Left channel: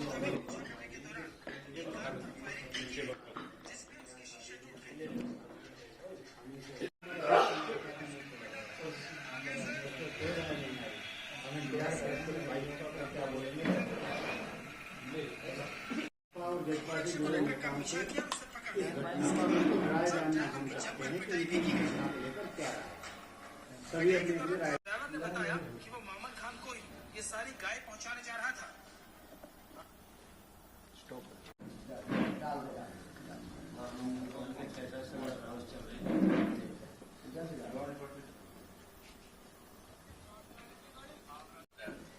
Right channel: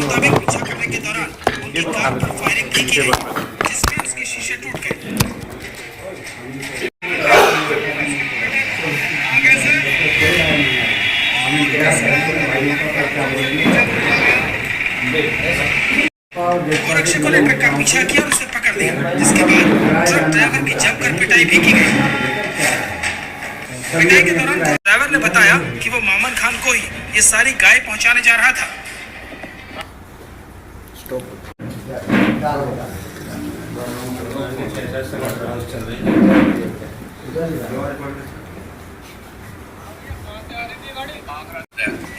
मुताबिक पीछा करने के दौरान उनकी कार पर फायरिंग भी की गई, जिसमें उसके शीशे टूट गए। गोरक्ष को लेकर का पीछा किया और उसे पकड़ लिया, जिसके बाद ट्रक ड्राइवर की जमकर पिटाई भी की गई। पिटाई के दौरान ड्राइवर ने बताया कि वो मोमन खान को ही ये सारी गाय पहुंचाने जा रहा था।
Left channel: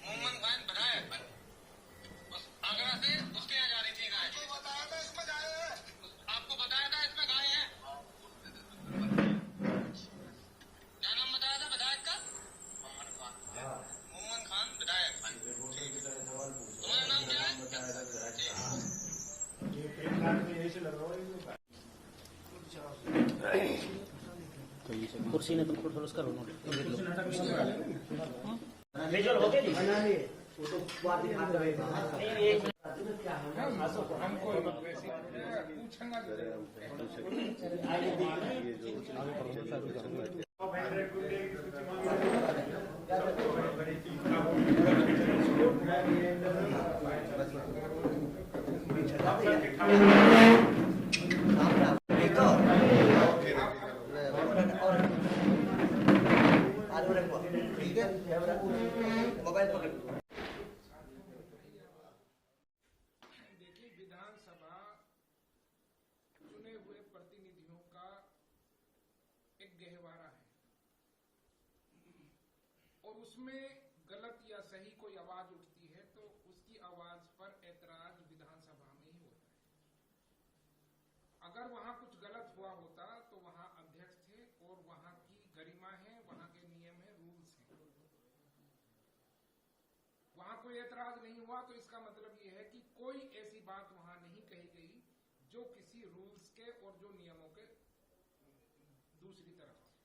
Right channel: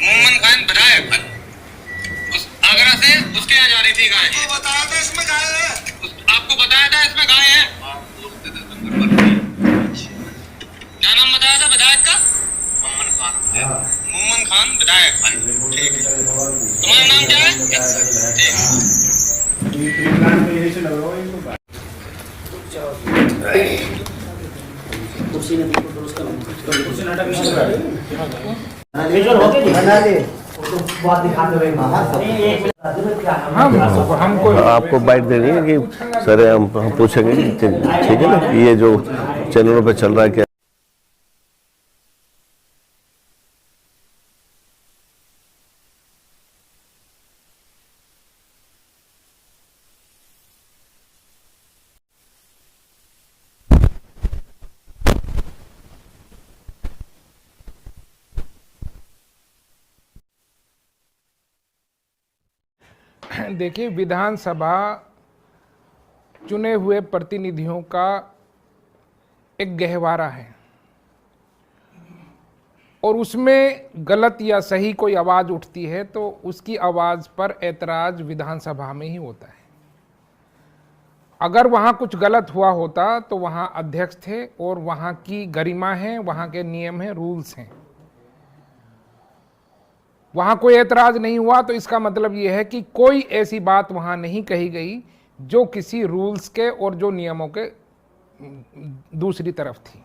मोमन खान विधायक आगरा से उसके यहाँ जा रही थी गाय। बताया था इसमें गाय है, आपको बताया था इसमें गाय है। क्या नाम बताया था विधायक का? मोमन खान। मोमन खान विधायक। ठीक है, तुम्हारा नाम क्या है? ठीक है। आपको बाइट देनी है कि सर हम पूछेंगे कि ठीक है ना, ये जो चैनलों पे चल रहा है क्या? देखिए, विधानसभा चुने हुए प्रतिनिधियों का एक गहवारा है और उसमें गलत या सही कोई आवाज़ उठती है तो उसकी आवाज़ पर ऐतराज़ विधानसभा में ही होता है। अगर वहाँ कुछ गलत हुआ होता तो वहाँ अध्यक्ष थे और वहाँ की गरिमा है, वहाँ के नियम हैं, रूल्स हैं। वहाँ कोई ऐतराज़ नहीं हुआ तो इसका मतलब ये है कि कोई ऐसी बात वहाँ नहीं कही गई जो किसी रूल्स के और जो नियमों के दूसरी तरफ थी।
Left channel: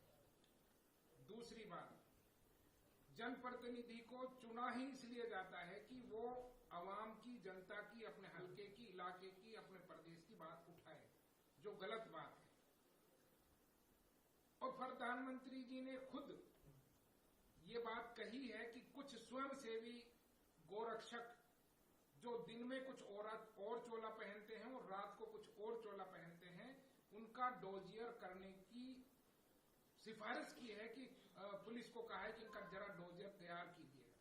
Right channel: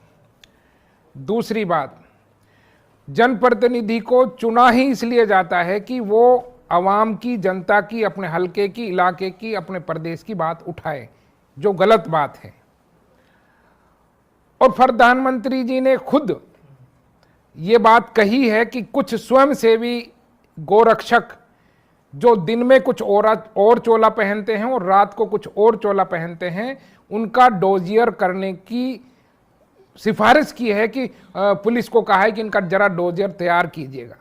दूसरी बात, जनप्रतिनिधि को चुना ही इसलिए जाता है कि वो आवाम की, जनता की, अपने हलके की, इलाके की, अपने प्रदेश की बात उठाए, जो गलत बात है। और प्रधानमंत्री जी ने खुद ये बात कही है कि कुछ स्वयंसेवी गोरक्षक जो दिन में कुछ और चोला पहनते हैं और रात को कुछ और चोला पहनते हैं, उनका डोजियर करने की सिफारिश की है कि पुलिस को कहा है कि इनका जरा डोजियर तैयार कीजिएगा।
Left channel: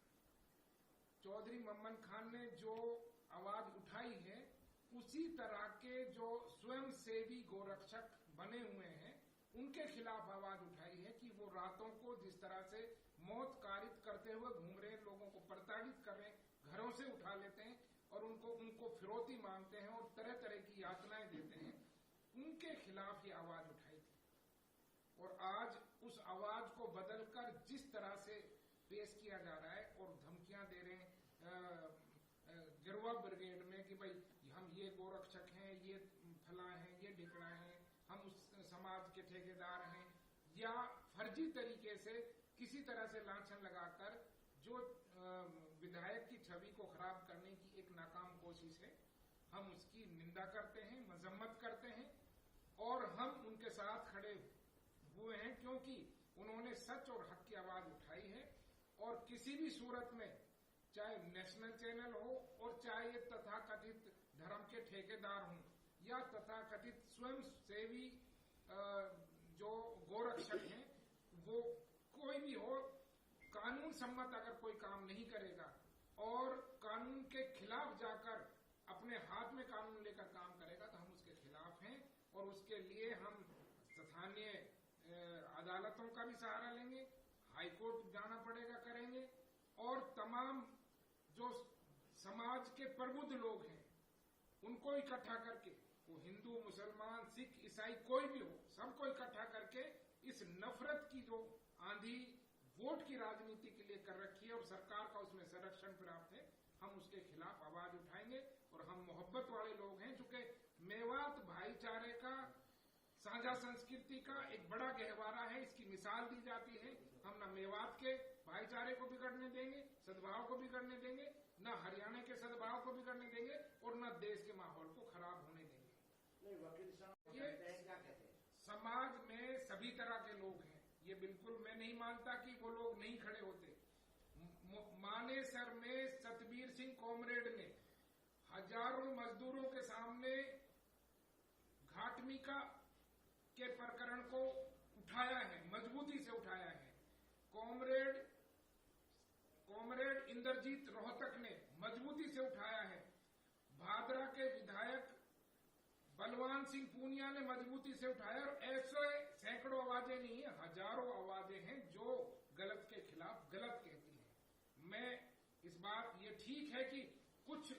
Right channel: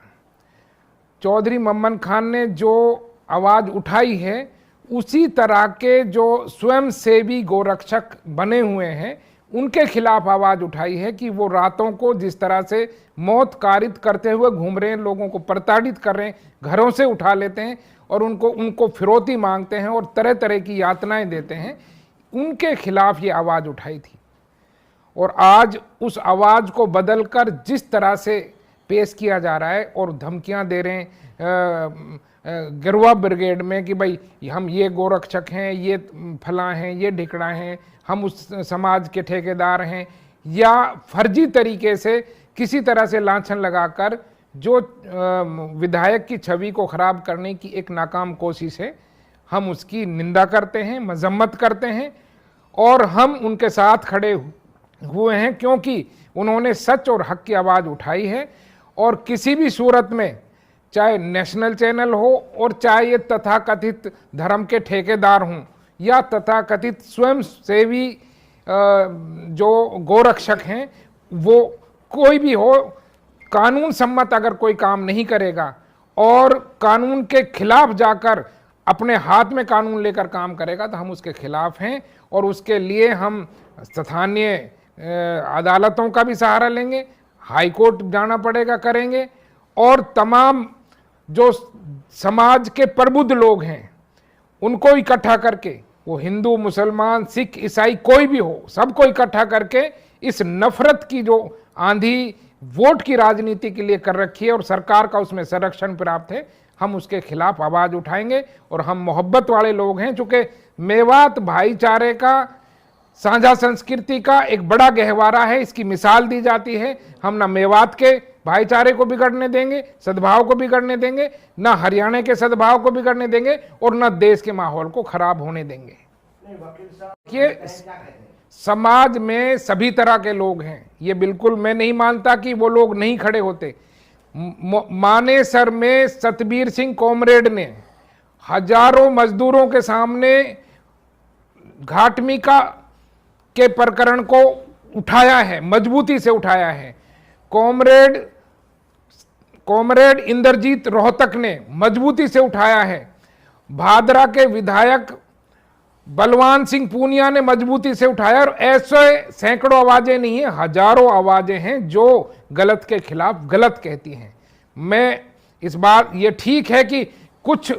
चौधरी मोमन खान ने जो आवाज़ उठाई है उसी तरह के जो स्वयंसेवी गोरक्षक बने हुए हैं उनके खिलाफ आवाज़ उठाई है कि वो रातों को जिस तरह से मौत कारित करते हुए घूम रहे हैं, लोगों को प्रताड़ित कर रहे हैं, घरों से उठा लेते हैं और उनको फिरौती मांगते हैं और तरह तरह की यातनाएं देते हैं, उनके खिलाफ ये आवाज़ उठाई थी। और आज उस आवाज़ को बदलकर जिस तरह से पेश किया जा रहा है और धमकियां दे रहे हैं गिरवा ब्रिगेड में कि भाई हम ये गोरक्षक हैं, ये फलां हैं, ये ढिकड़ा हैं, हम उस समाज के ठेकेदार हैं, या फर्जी तरीके से किसी तरह से लांछन लगाकर जो विधायक की छवि को खराब करने की एक नाकाम कोशिश है, हम उसकी निंदा करते हैं, मजम्मत करते हैं और हम उनके साथ खड़े हुए हैं क्योंकि उन्होंने सच और हक की आवाज़ उठाई है। और किसी भी सूरत में, चाहे नेशनल चैनल हो और चाहे ये तथाकथित धर्म के ठेकेदार हों या तथाकथित स्वयंसेवी जो गोरक्षक हैं, वो कोई भी हो, कानून सम्मत अगर कोई काम नहीं करेगा और कानून के खिलाफ जाकर अपने हाथ में कानून लेकर काम करेगा तो हम उसके खिलाफ हैं और उसके लिए हम स्थानीय अदालतों का भी सहारा लेंगे, हाई कोर्ट जाना पड़ेगा, करेंगे, और तमाम जो समाज के प्रबुद्ध लोग हैं उनको इकट्ठा करके वो हिंदू, मुसलमान, सिख, ईसाई कोई भी हो, सबको इकट्ठा करके इस नफरत की जो आंधी वोट की राजनीति के लिए कर रखी है और सरकार का उसमें संरक्षण प्राप्त है, हम उसके खिलाफ आवाज उठाएंगे। और हम मोहब्बत वाले लोग हैं, चूंकि मेवात भाईचारे का, साझा संस्कृति का एक बड़ा गहवारा है, इसकी मिसाल दी जाती है। हम ना मेवात के भाईचारे को बिगड़ने देंगे, सद्भाव को बिगड़ने देंगे, ना हरियाणा के सद्भाव को बिगड़ने देंगे, और ना देश के माहौल को खराब होने देंगे। ये समाज में सभी तरह के लोग हैं, ये बिल्कुल मैं नहीं मानता कि वो लोग नहीं खड़े होते। मानेसर में सतबीर सिंह कॉमरेड ने हजारों मजदूरों के सामने घाटमिका के प्रकरण को उठाया है, मजबूती से उठाया है। कॉमरेड इंद्रजीत रोहतक ने मजबूती से उठाया है। भादरा के विधायक बलवान सिंह पूनिया ने मजबूती से उठाया। और ऐसे सैकड़ों आवाजें नहीं है, हजारों आवाजें हैं जो गलत के खिलाफ गलत कहती हैं। मैं इस बात, ये ठीक है कि कुछ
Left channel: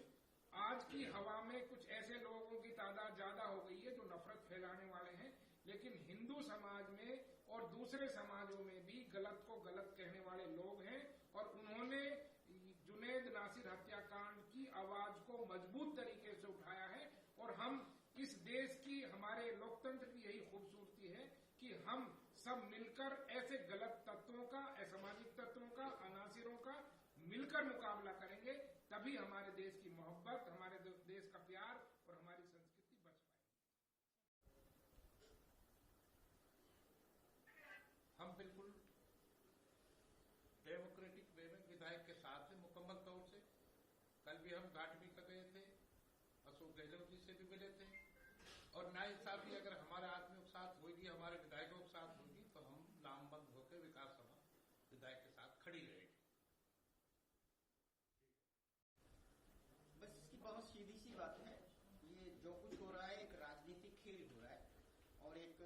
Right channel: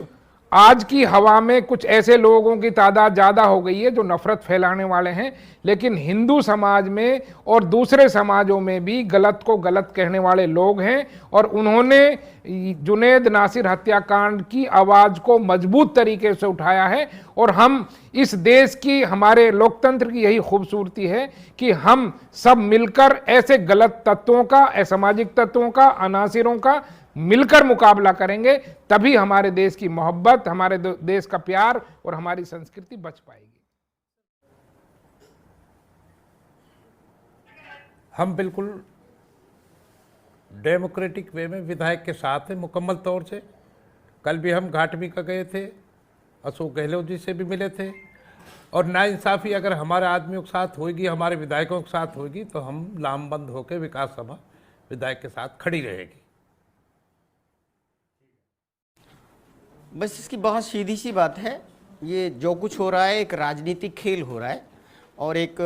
आज की हवा में कुछ ऐसे लोगों की तादाद ज़्यादा हो गई है जो नफरत फैलाने वाले हैं, लेकिन हिंदू समाज में और दूसरे समाजों में भी गलत को गलत कहने वाले लोग हैं। और उन्होंने जुनैद नासिर हत्याकांड की आवाज़ को मजबूत तरीके से उठाया है। और हम इस देश की, हमारे लोकतंत्र की यही खूबसूरती है कि हम सब मिलकर ऐसे गलत तत्वों का, असामाजिक तत्वों का, अनासिरों का मिलकर मुकाबला करेंगे, तभी हमारे देश की मोहब्बत, हमारे देश का प्यार और हमारी संस्कृति बच पाएगी। हम बिल्कुल डेमोक्रेटिक वे में विधायक के साथ हैं मुकम्मल तौर से। कल भी हम घाटमिका गए थे, अशोक गहलोत जी से भी मिले थे। और नाइंसाफ़ी अगर हमारे आदमियों के साथ होगी, हमारे विधायकों के साथ होगी, तो हम लामबंद होकर विकास सभा विधायक के साथ खड़ी रहेगी। बस इसकी बहुत सीधी सी बात है, ये जो कुछ हो रहा है एक राजनीतिक खेल हो रहा है, और एक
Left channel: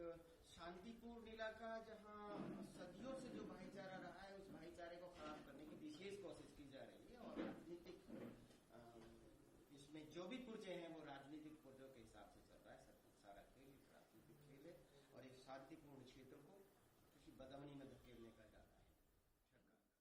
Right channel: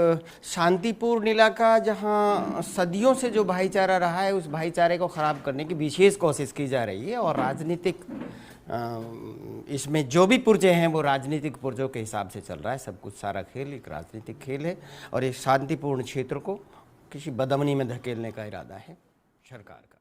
शांतिपूर्ण इलाका जहां सदियों से जो भाईचारा रहा है उस भाईचारे को ख़राब करने की विशेष कोशिश की जा रही है। और राजनीतिक इसमें जो भी पुर्जे हैं वो राजनीतिक पुर्जों के हिसाब से चल रहा है। सब कुछ, सारा खेल एक राजनीतिक खेल है और एक शांतिपूर्ण क्षेत्र को किसी बदअमनी में धकेलने का इरादा है सरकार का।